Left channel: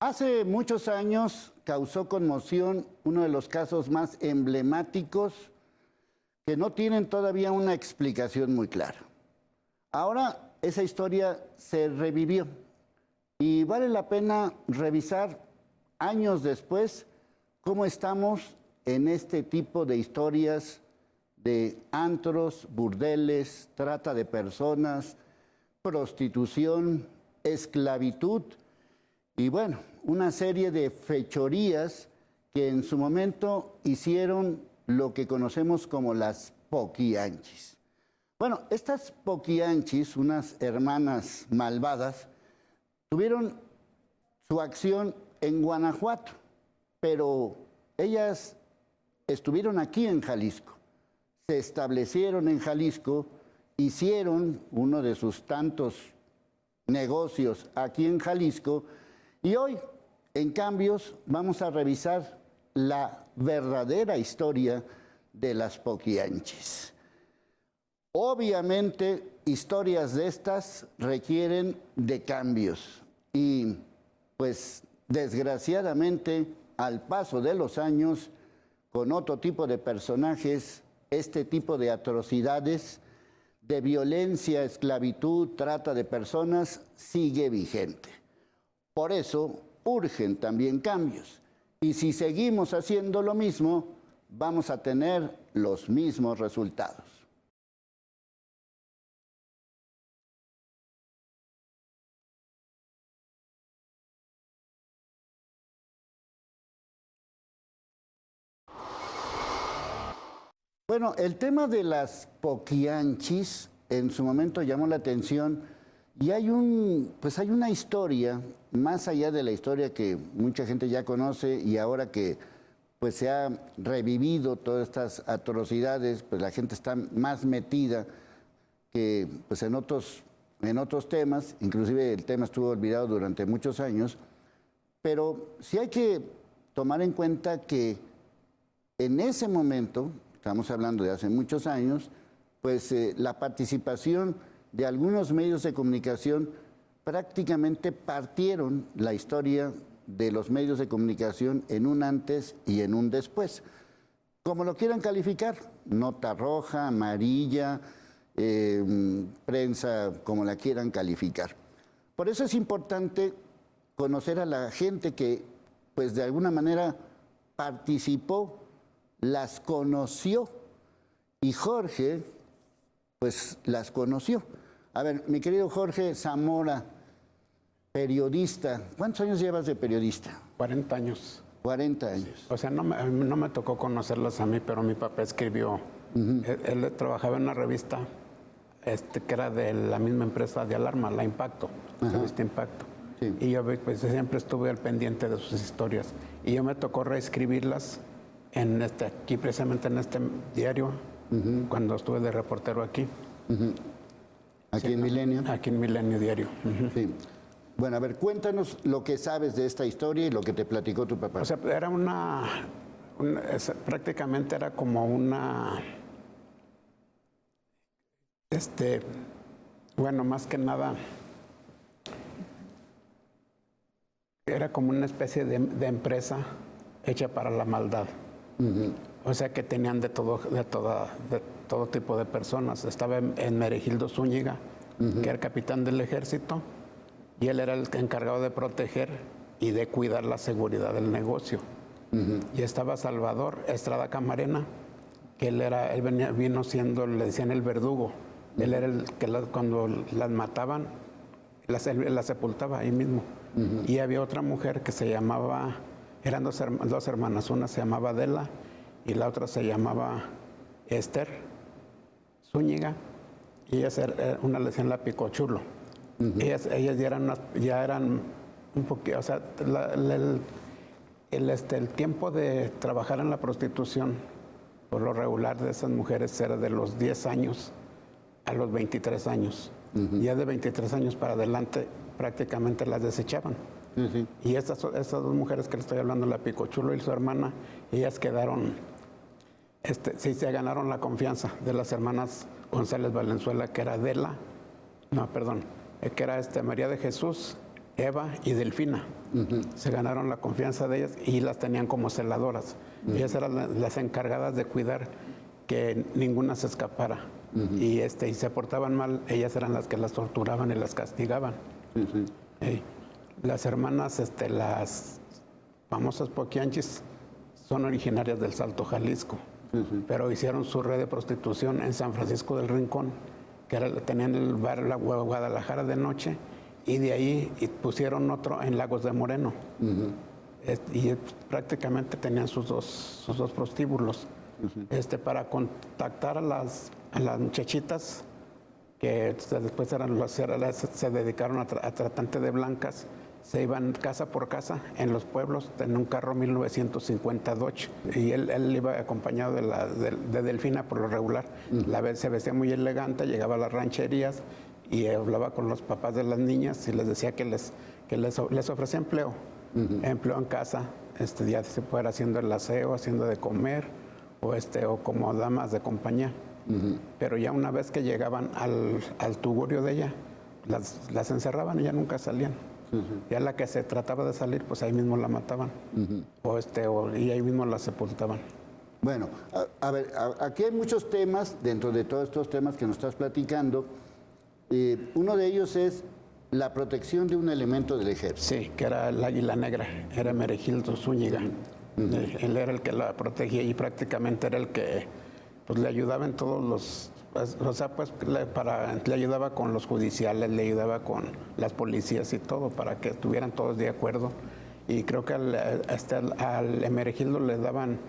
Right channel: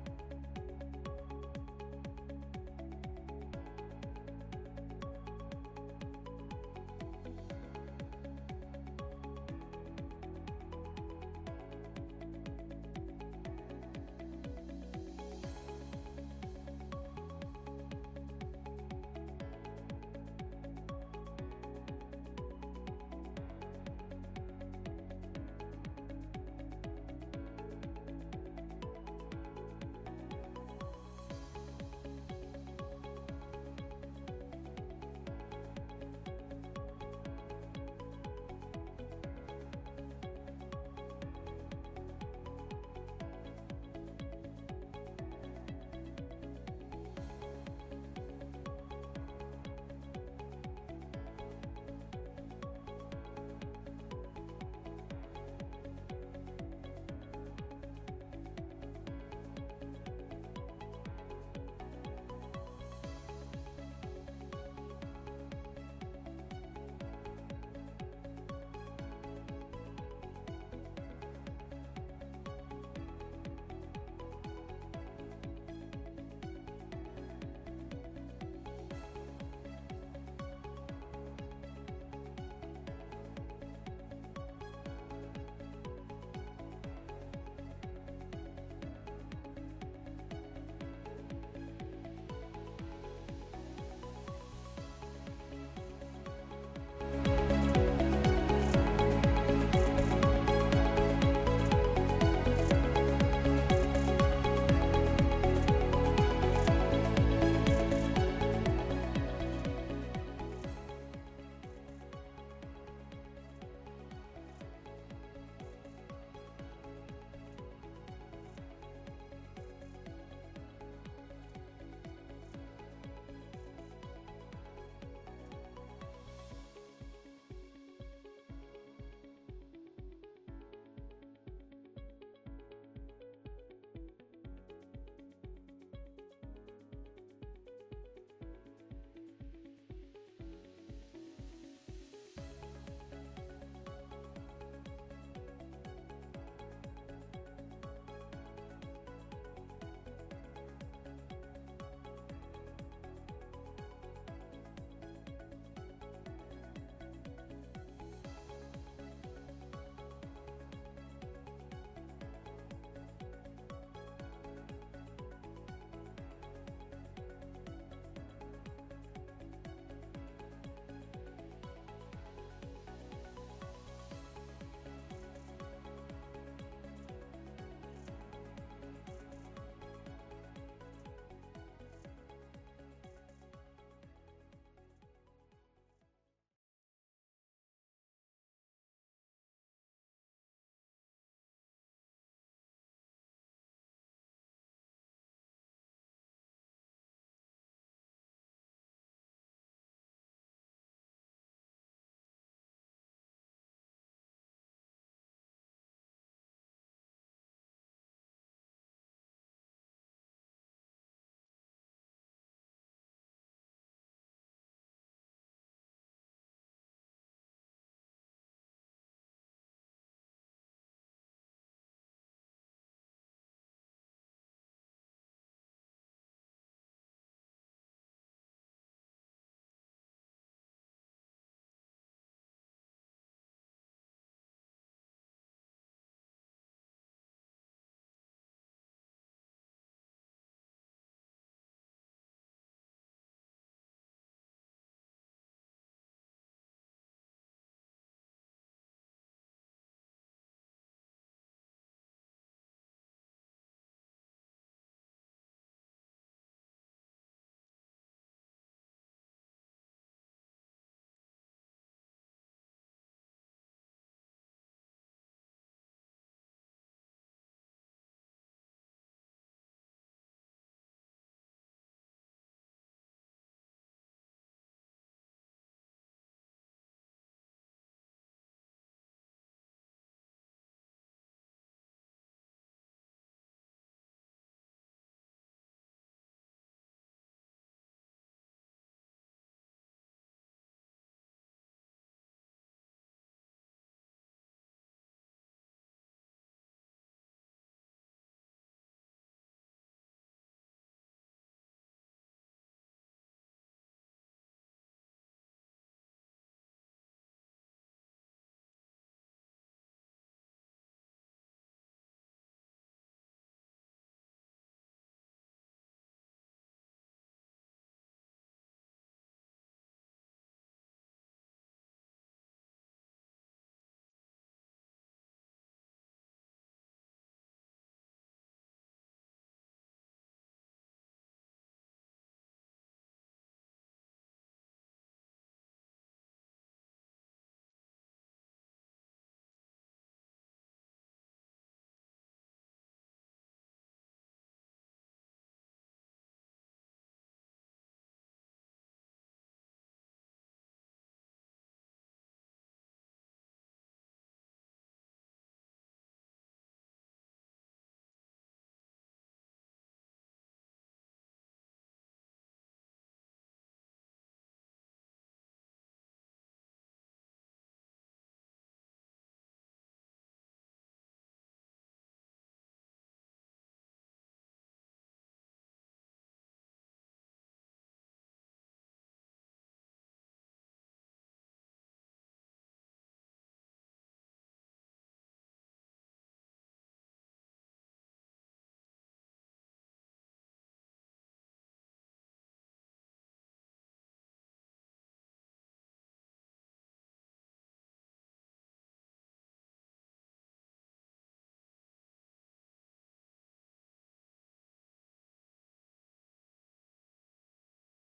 Hace muchos años causó conmoción uno de los casos más emblemáticos que no tienen todavía una explicación muy clara. Ahora esa historia se revivió y vale la pena revisar años después cómo estamos en este tipo de historias de antros, burdeles, trata de personas, prostitución, esclavitud y bueno, una serie de fechorías que en su momento hicieron lo que conocemos como las poquianchis. Bueno, estas poquianchis, unas hermanas malvadas, tuvieron su acción en Guanajuato, pero ellas estuvieron aquí en Jalisco, se establecieron en Jalisco, hicieron uno de sus tantos negocios aquí en Jalisco y hoy, en Cambios, vamos a revisar la verdadera historia de las poquianchis. Obviamente, historias de estas requieren de cambios y, pues, desgraciadamente, al paso de los años, con otro tipo de personajes, este tipo de atrocidades, de violencia, esclavitud, trata de personas, sigue vigente. Por eso, urgen también cambios. Y si seguimos haciendo lo mismo, vamos a tener los mismos resultados. Bueno, el tema de las poquianchis en su momento llamó la atención y hay una historia, más allá de la historia que mucha gente ya conoce y ahora que pues se ha revivido todas estas atrocidades, pues la gente está más metida que pues en otros temas, inclusive el tema estuvo olvidado durante muchos años, pero sí hay que tomar en cuenta que en ese momento, estamos hablando de hace muchos años, pues la participación de algunos medios de comunicación prácticamente partieron la historia de los medios de comunicación en un antes y en un después. Como lo quieran calificar, nota roja, amarilla, prensa, como la quieran calificar. Por eso es importante conocer a la gente que, pues de alguna manera, participó, las conoció, y Jorge, pues las conoció. A ver, mi querido Jorge Zamora, periodista, ¿cuántos años llevas de periodista? 40 años. 40 años. O sea, no me tocó conocerlas a mí, pero mi papá escribió. Él trabajaba en una revista que era de la misma empresa de alarma, la Impacto, revista Impacto. Sí. Y yo pues siempre estuve al pendiente de sus historias. Y yo me tocó reescribirlas aquí precisamente en este diario, cuando estuve de reportero aquí. ¿Aquí sí, en Milenio? Aquí en Milenio Diario. Sí. Bueno, a ver, cuéntanos lo que sabes de esta historia y lo que te platicó tu papá. O sea, era prácticamente era como una, bueno, más que nada, era como una especie de empresa hecha para la maldad. O sea, que tenían de todo tipo de personas. Estaba en Meregildo Zúñiga, que era el capitán del ejército, y él era el encargado de proteger y de cuidar la seguridad del negocio. Y estaba Salvador Estrada Camarena, que vino siendo, le decían el verdugo. Él era el que cuando las mataban, las sepultaba ahí mismo. Y había otra mujer que se llamaba, eran dos hermanas, una se llamaba Adela y la otra se llamaba Esther Zúñiga, y una le decían la Picochulo. Ellas ya eran un poquito, o sea, el tiempo de trabajar en la prostitución, por lo regular de esas mujeres era de los 10 años a los 23 años. Ya de 23 años para adelante prácticamente las desechaban. Y estas dos mujeres que le estoy hablando, la Picochulo y su hermana, ellas quedaron, sí se ganaron la confianza de las hermanas González Valenzuela, que era que era María de Jesús Eva y Delfina. Se ganaron la confianza de ellas y las tenían como celadoras. Ellas eran las encargadas de cuidar que ninguna se escapara. Y se portaban mal, ellas eran las que las torturaban y las castigaban. Las hermanas, las famosas Poquianchis, son originarias del Salto, Jalisco, pero hicieron su red de prostitución en San Francisco del Rincón, que tenían el bar La Guadalajara de noche, y de ahí pusieron otro en Lagos de Moreno. Y prácticamente tenían sus dos prostíbulos. Para contactar a las muchachitas que después se dedicaron a tratantes de blancas, se iban casa por casa en los pueblos en un carro 1950 Dodge, y él iba acompañado de Delfina por lo regular. Se vestía muy elegante, llegaba a las rancherías y hablaba con los papás de las niñas y les decía que les ofrecía empleo, empleo en casa, ya se fuera haciendo el aseo, haciendo de comer o como damas de compañía. Pero ya una vez que llegaban al tugurio de ella, las encerraban y ya nunca salían. Ya la que se trataba de salir, pues ahí mismo la mataban. Y ahí mismo la sepultaban. Bueno, a ver, aquí hay muchos temas, dentro de todos estos temas que nos estás platicando. Uno de ellos es la protección de un elemento del ejército. Sí, que era el Águila Negra, era Meregildo Zúñiga. Él era el que la protegía y prácticamente era el que pues, le ayudaba en todos los... O sea, pues le ayudaba con los judiciales, le ayudaba con las policías y todo, para que estuvieran todos de acuerdo. Y creo que al Hermenegildo le daban,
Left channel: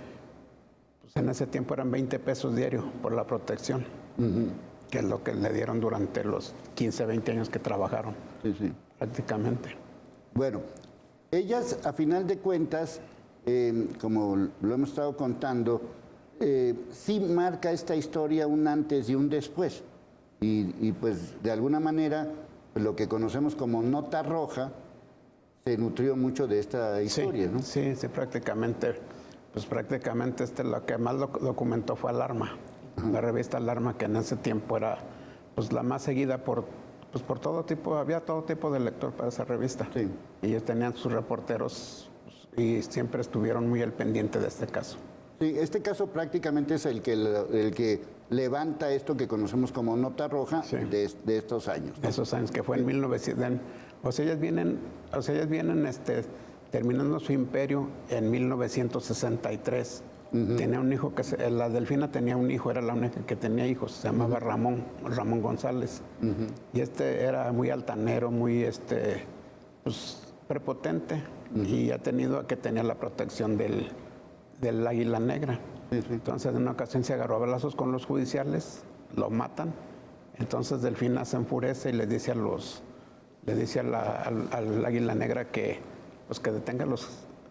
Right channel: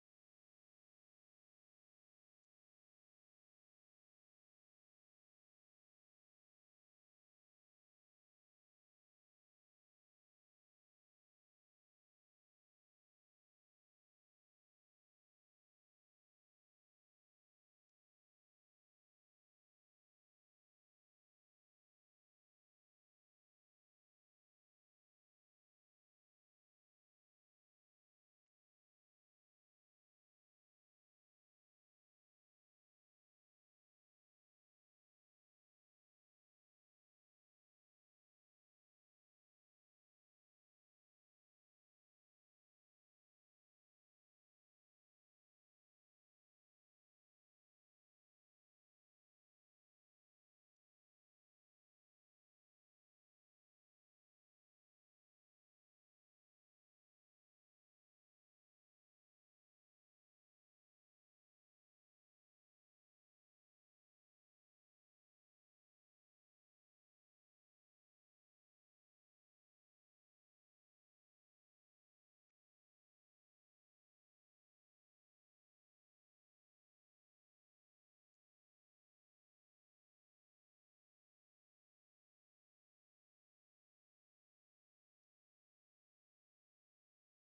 pues en ese tiempo eran 20 pesos diario por la protección, que es lo que le dieron durante los 15, 20 años que trabajaron, prácticamente. Bueno, ellas, a final de cuentas, como lo hemos estado contando, sí marca esta historia un antes y un después. Y pues de alguna manera lo que conocemos como nota roja se nutrió mucho de esta historia, ¿no? Sí, prácticamente. Pues prácticamente lo que más documentó fue Alarma, la revista Alarma, que en ese tiempo era pues la más seguida por todo tipo, había todo tipo de lector para esa revista. Y ellos tenían sus reporteros y siempre estuvieron muy al pendiente de este caso. Sí, este caso prácticamente es el que levanta esto que conocemos como nota roja de estos años, ¿no? Esos años que fue en 1900. Ellas vienen terminando su imperio en 1963. Tenía un hijo la Delfina tenía un hijo, era la única que tenía hijos, se llamaba Ramón González. Y era muy altanero, muy pues, prepotente, y ha tenido que tenía la protección del Águila Negra. Entonces, en una ocasión se agarró a balazos con los judiciales, lo matan. Entonces, Delfina se enfurece y le dice al Águila Negra que detenga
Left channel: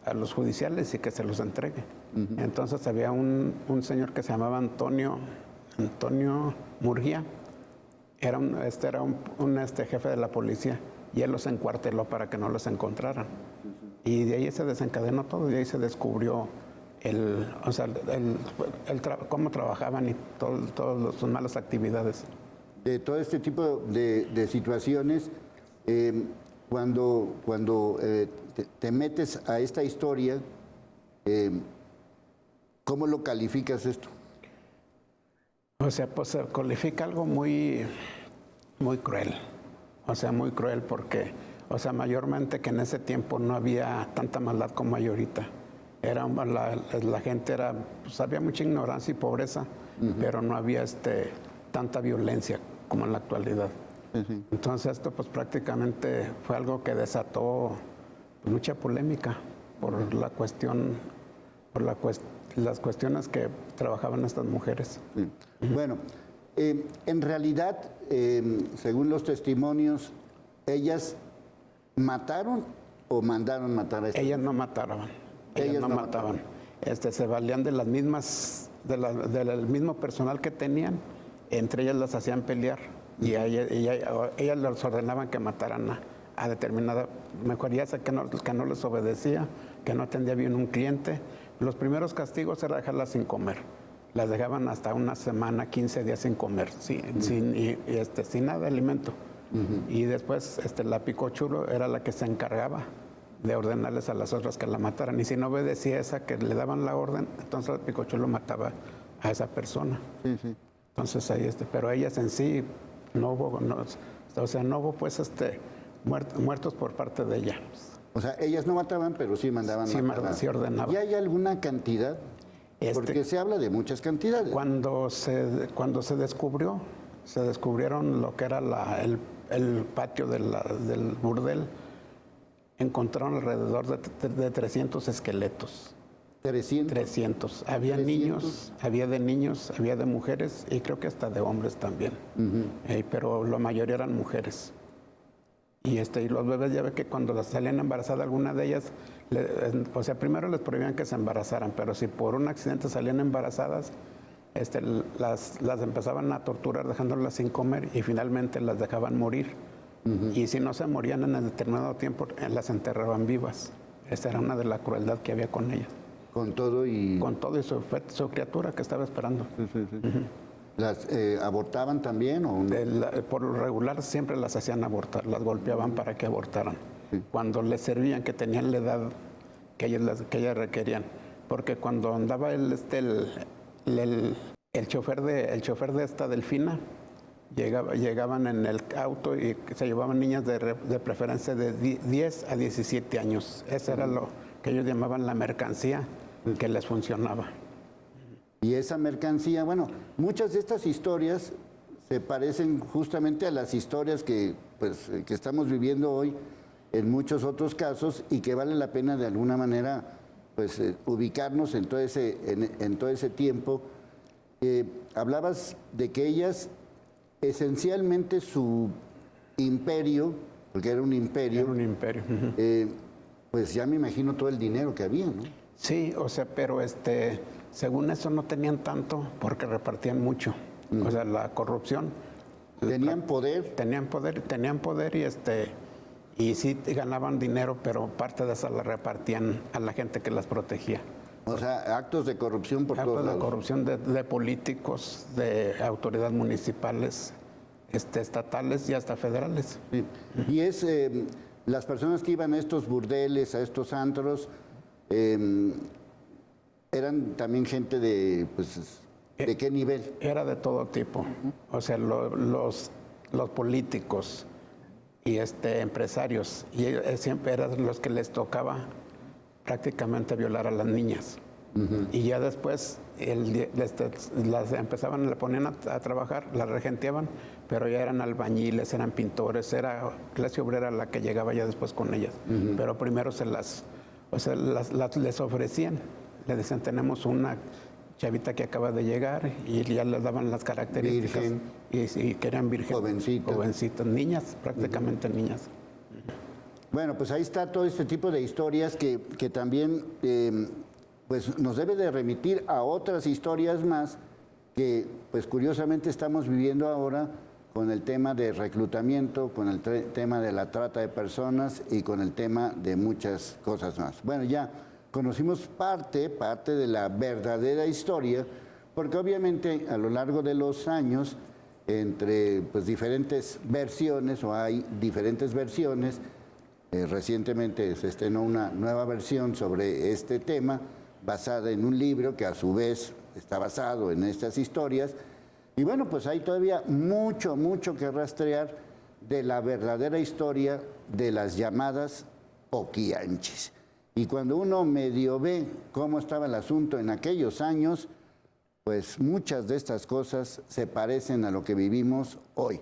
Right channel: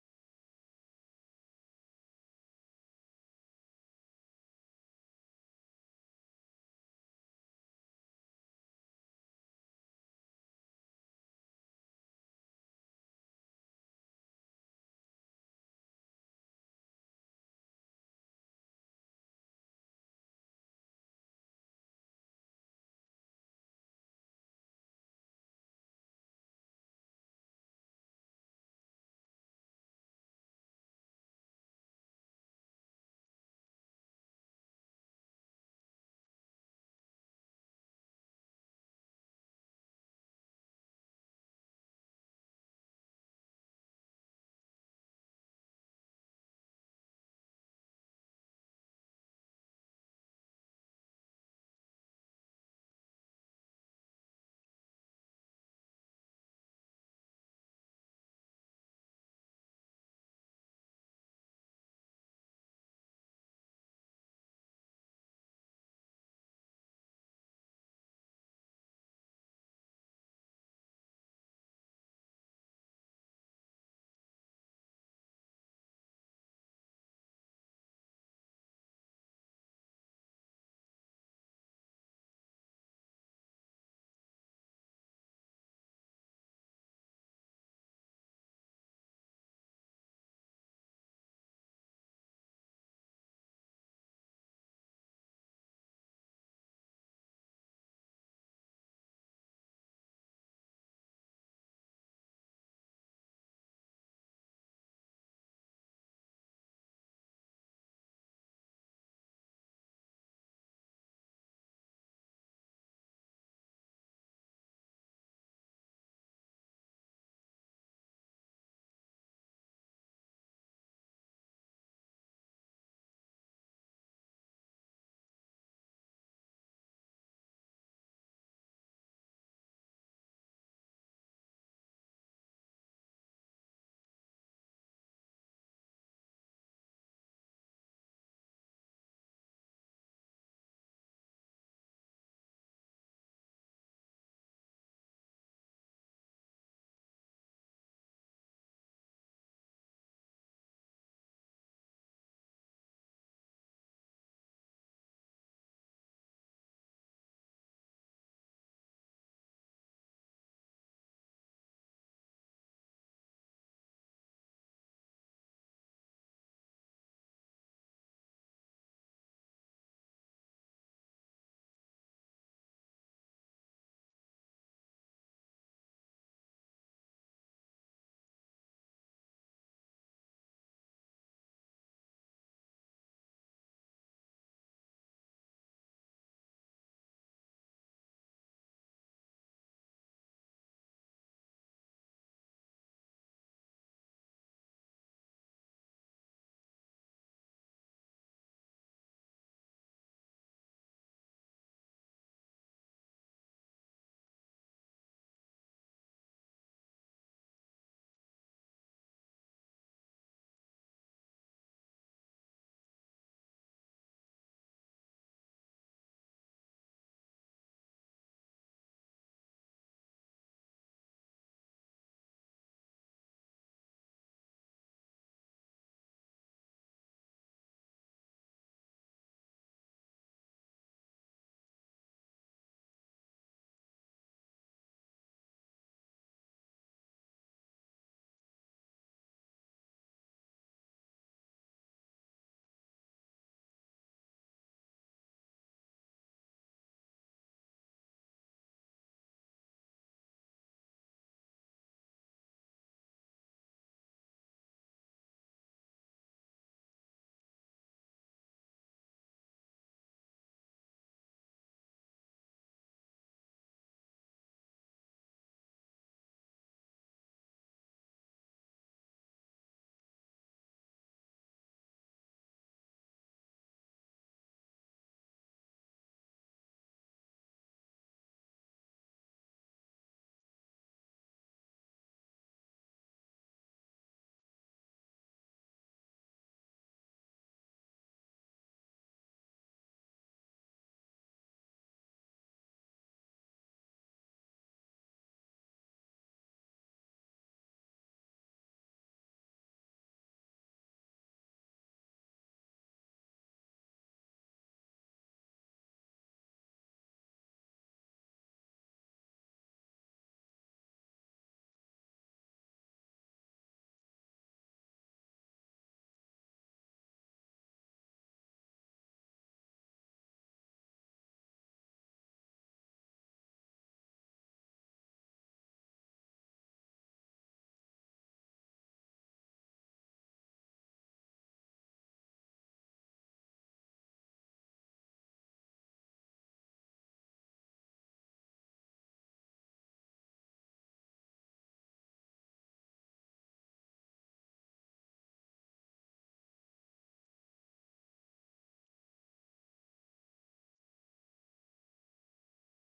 a los judiciales y que se los entregue. Entonces, había un señor que se llamaba Antonio Murguía, era un jefe de la policía, y él los encuarteló para que no los encontraran. Y de ahí se desencadenó todo, y ahí se descubrió cómo trabajaban y todas sus malas actividades. De todo este tipo de situaciones, cuando te metes a esta historia, ¿cómo lo calificas esto? O sea, pues se califica algo muy, muy cruel. O sea, muy cruel porque, mayormente que en ese tiempo no había tanta maldad como hay ahorita. La gente pues había mucha ignorancia y pobreza, pero no había tanta violencia como en la actualidad. Entonces esto pues prácticamente fue algo que desató mucha polémica por las cuestiones que trabajaban estas mujeres. Bueno, en realidad, según los testimonios, ¿ellas mataron o mandaron matar a estas? Ellas no mataron. Ellas no mataban. Se valían de las mismas, del mismo personal que tenían, entre ellas las hacían pelear y ellas les ordenaban que mataran a determinada, mejoría que no les obedecía, que no atendía bien un cliente. Los primeros castigos era dejarlas sin comer. Las dejaban hasta una semana, 15 días sin comer, sin nada de alimento. Y después la Picochulo era la que se encargaba de ordenarles a las otras que la mataran. Y si no obedecía esa que le daban la orden, entonces el Picochulo mataba a esa persona. Sí, sí. Entonces ahí pero ellas en sí no hubo, o sea, no hubo pues muertos por parte de ella. O sea, ellas no mataban, pero sí mandaban matar. Sí ordenaban. ¿Y hay alguna cantidad? Porque se habla de muchas cantidades. Cuando se descubrieron lo que era el patio del burdel, encontraron alrededor de 300 esqueletos. 300. Había 300. niños, había de niños, había de mujeres y creo que hasta de hombres también. Pero la mayoría eran mujeres. Y los bebés, ya ve que cuando las salían embarazadas, alguna de ellas, o sea, primero les prohibían que se embarazaran, pero si por un accidente salían embarazadas, las empezaban a torturar dejándolas sin comer y finalmente las dejaban morir. Y si no se morían en el determinado tiempo, las enterraban vivas. Esa era una de la crueldad que había con ellas. Con todo y... Con todo y su criatura que estaba esperando. ¿Las abortaban también o no? Por lo regular siempre las hacían abortar, las golpeaban para que abortaran. Cuando les servían, que tenían la edad que ellas requerían. Porque cuando andaba el chofer de esta Delfina, llegaban en el auto y se llevaban niñas de preferencia de 10 a 17 años. Eso era lo que ellos llamaban la mercancía que les funcionaba. Y esa mercancía, bueno, muchas de estas historias se parecen justamente a las historias que estamos viviendo hoy en muchos otros casos y que vale la pena de alguna manera ubicarnos en todo ese tiempo. Hablabas de que ellas, esencialmente su imperio, porque era un imperio, pues ya me imagino todo el dinero que había, ¿no? Sí, o sea, pero según eso no tenían tanto porque repartían mucho. O sea, la corrupción. ¿Tenían poder? Tenían poder y sí ganaban dinero, pero parte de esa la repartían a la gente que las protegía. O sea, actos de corrupción por todos lados. Actos de corrupción de políticos, de autoridades municipales, estatales y hasta federales. Sí. Y las personas que iban a estos burdeles, a estos antros, eran también gente ¿de qué nivel? Era de todo tipo. O sea, los políticos y empresarios, y siempre eran los que les tocaba prácticamente violar a las niñas. Y ya después las empezaban, le ponían a trabajar, las regenteaban, pero ya eran albañiles, eran pintores, era clase obrera la que llegaba ya después con ellas. Pero primero les ofrecían, le decían, tenemos una chavita que acaba de llegar, y ya les daban las características. Virgen. Y que eran vírgenes. Jovencitas, niñas, prácticamente niñas. Bueno, pues ahí está todo este tipo de historias que también nos debe de remitir a otras historias más que curiosamente estamos viviendo ahora con el tema de reclutamiento, con el tema de la trata de personas y con el tema de muchas cosas más. Bueno, ya conocimos parte de la verdadera historia, porque obviamente a lo largo de los años, entre diferentes versiones, o hay diferentes versiones, recientemente se estrenó una nueva versión sobre este tema, basada en un libro que a su vez está basado en estas historias. Y bueno, pues hay todavía mucho que rastrear de la verdadera historia de las llamadas Oquianchis. Y cuando uno medio ve cómo estaba el asunto en aquellos años, pues muchas de estas cosas se parecen a lo que vivimos hoy.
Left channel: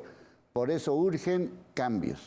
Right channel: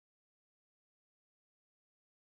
Por eso urgen cambios.